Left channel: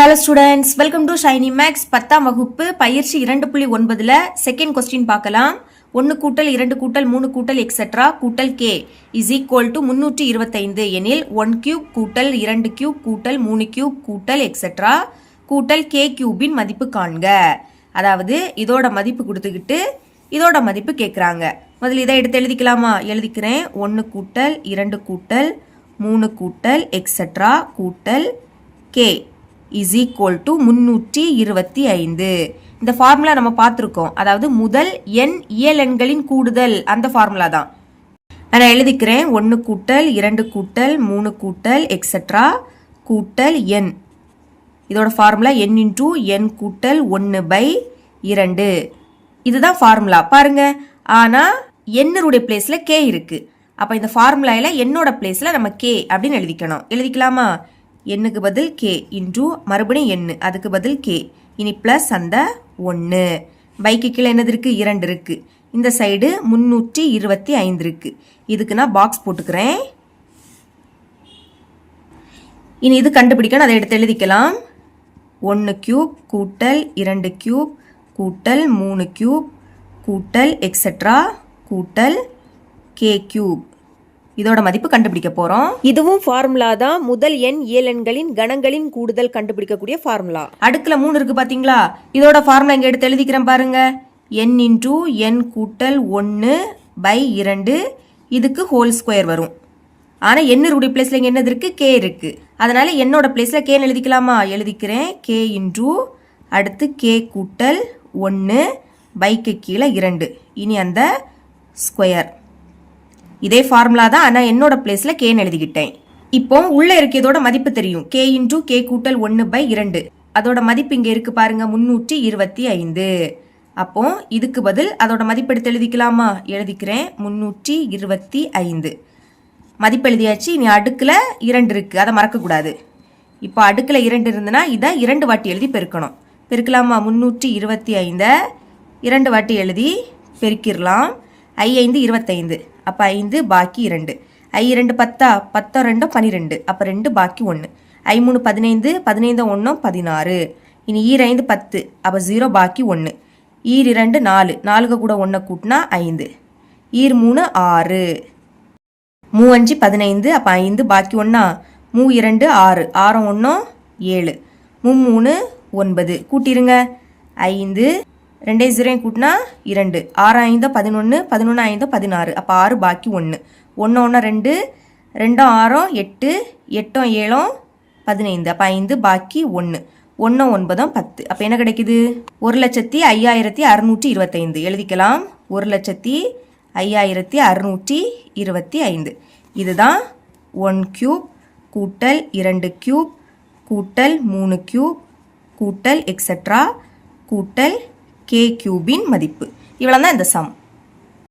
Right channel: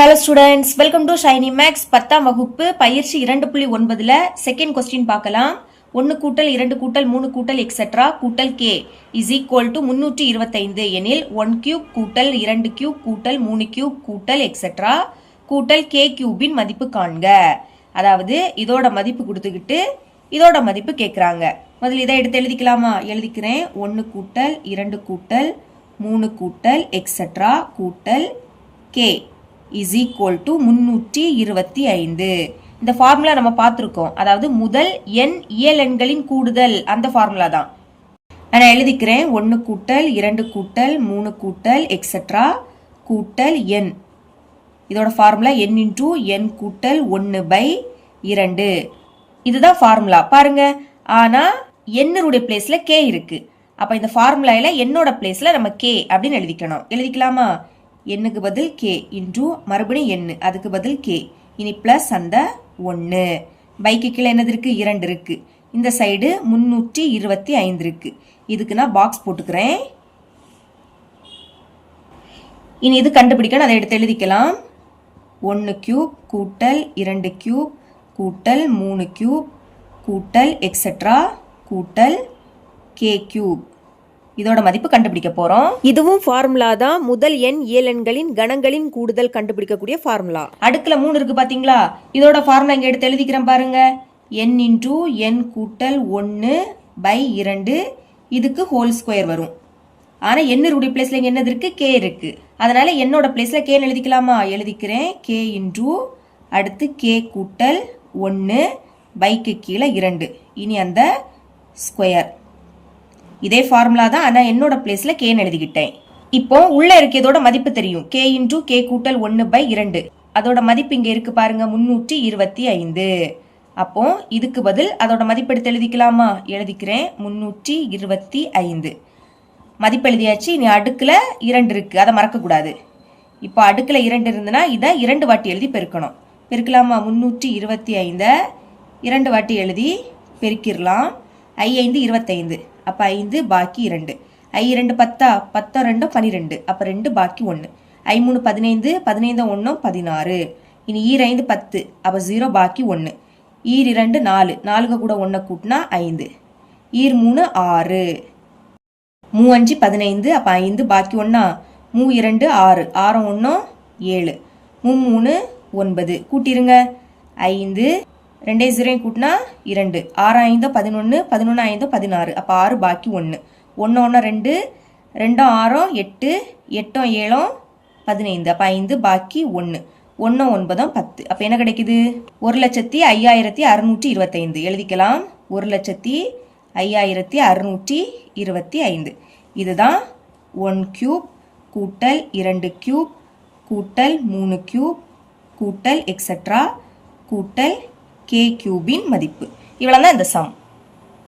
Hello students, welcome to Shiny Max 10ஆம் வகுப்பு பயிற்சி 2.9ல செகண்ட் கொஸ்டின் பார்க்கலாம். 1 கூட்டல் 2 கூட்டல் 3 கூட்டல் எக்ஸெட்ரா கூட்டல் கே இஸ் ஈக்குவல் டு 325 எனில் 1 கியூப் கூட்டல் 2 கியூப் கூட்டல் 3 கியூப் கூட்டல் எக்ஸெட்ரா கூட்டல் கே கியூபின் மதிப்பு காண்க. அதாவது இதோட மதிப்பு கொடுத்துக்கிட்டு இதோட மதிப்பு கேட்குறாங்க. முதல்ல இதை எடுத்து எழுதிக்கலாமா? எழுதிக்கிறேன். 1 கூட்டல் 2 கூட்டல் 3 கூட்டல் எக்ஸெட்ரா கூட்டல் கே இஸ் ஈக்குவல் டு 325. இந்த ஃபார்முலா நம்ம பார்த்துருக்கோம். அதாவது முதல் எண் இயல் எண்களின் கூடுதல், அந்த ஃபார்முலா தான். நான் எழுதிக்கிறேன். 1 கூட்டல் 2 கூட்டல் 3 கூட்டல் எக்ஸெட்ரா கூட்டல் எண். இதோட ஃபார்முலா n இன்டூ n கூட்டல் 1/2. இதுதான் ஃபார்முலா பாருங்க. ஆனால் என்னுடைய பிளேஸில் கே இருக்கு. அப்போ இந்த ஃபார்முலாவில் என்னோட பிளேஸில் நம்ம கே அப்படின்னு எழுதிக்கணும். எழுதிக்கலாமா? எண்ணுக்கு பதில் கே இன்டூ மறுபடியும் எண்ணு, அதுக்கு பதில் கே. இனி பிளஸ் அந்த 1. பைக்கு கீழே என்னது இருக்கு? 2 இருக்கு. இந்த சைடு 325 இருக்கு. இதுக்கு நான் பாக்ஸ் போட்டுக்கிறேன். இனி இது கண்டுபிடிக்கணும். அதை எடுத்து எழுதிக்கலாம். 1 கியூப் கூட்டல் 2 கியூப் கூட்டல் 3 கியூப் கூட்டல் எக்ஸெட்ரா கூட்டல் கே கியூப். இதோட மதிப்பு கண்டுபிடிக்க போறோம். இதுவும் ஃபார்முலா தான். முதல் எண் இயலெண்களின் கணங்களின் கூடுதல் கண்டுபிடிக்கக்கூடிய ஃபார்முலா. அடுக்குல 3 இருக்கு பாத்தீங்களா? இதோட ஃபார்முலா இங்க எடுத்து எழுதிக்கிறேன் பாருங்க. n இன்டூ n கூட்டல் 1/2. இதுக்கு ஹோல் ஸ்கொயர் வரும். ஆனா என்னுடைய பிளேஸ்ல இங்க என்னது இருக்கு? கே இருக்கு. அதனால என்னோட பிளேஸ்ல கே எழுதிக்கலாமா? எழுதிக்கிறேன். கே இன்டூ அடுத்து கே கூட்டல் 1 பைக்கு கீழே 2. இனி அந்த ஸ்கொயர். இதே ஃபார்முலா தான். ஆனால் என்னோட பிளேஸில் கேன்னு எழுதிக்கிட்டேன். இப்போ உள்ள இருக்கிறதோட மதிப்பு தெரியும். கே இன்டூ கே கூட்டல் 1/2. அதோட மதிப்பு இங்கே இருக்கு பாருங்க, 325. அப்போ இதுக்கு பதில் அதோட மதிப்பு எடுத்து எழுதிக்கலாமா? எழுதிக்கிறேன். 325 மதிப்பு எழுதியாச்சு. இனி அடுக்கில் 2 இருக்கு, அதை மறக்கக்கூடாது. இப்போ அடுக்கில் 2 இருந்துன்னா இதை 2 வாட்டி எழுதி பெருக்கணும். பெருக்கலாமா? 325 2 வாட்டி எழுதி பெருக்கிடலாம். 5 25. அப்போ 5 பாக்கி 2. 2 10 10 2 12. அப்போ 2 பாக்கி 1. 3 15 15 1 16. இனி 5 10. அப்போ 0 பாக்கி 1. 2 4 4 கூட 1 கூட்டினா 5. 3 6. 5 15. அப்போ 5 பாக்கி 1. 2 6 6 1 7. 3 9. கூட்டிருங்க. 5 2 0 கூட்டினா 2. 6 5 11 11 5 16. அப்போ 6 பாக்கி 1. 1 1 2 2 6 8 8 7 15. அப்போ 5 பாக்கி 1 1 9 10. அப்போ என்ன கிடைக்குது? 1,05,625. எழுதிக்கலாம். 1,05,625. இதுதான் 1 கியூப் கூட்டல் 2 கியூப் கூட்டல் 3 கியூப் கூட்டல் எக்ஸெட்ரா கூட்டல் கே கியூபின் மதிப்பு. இவ்வளவுதான் இந்த சம்.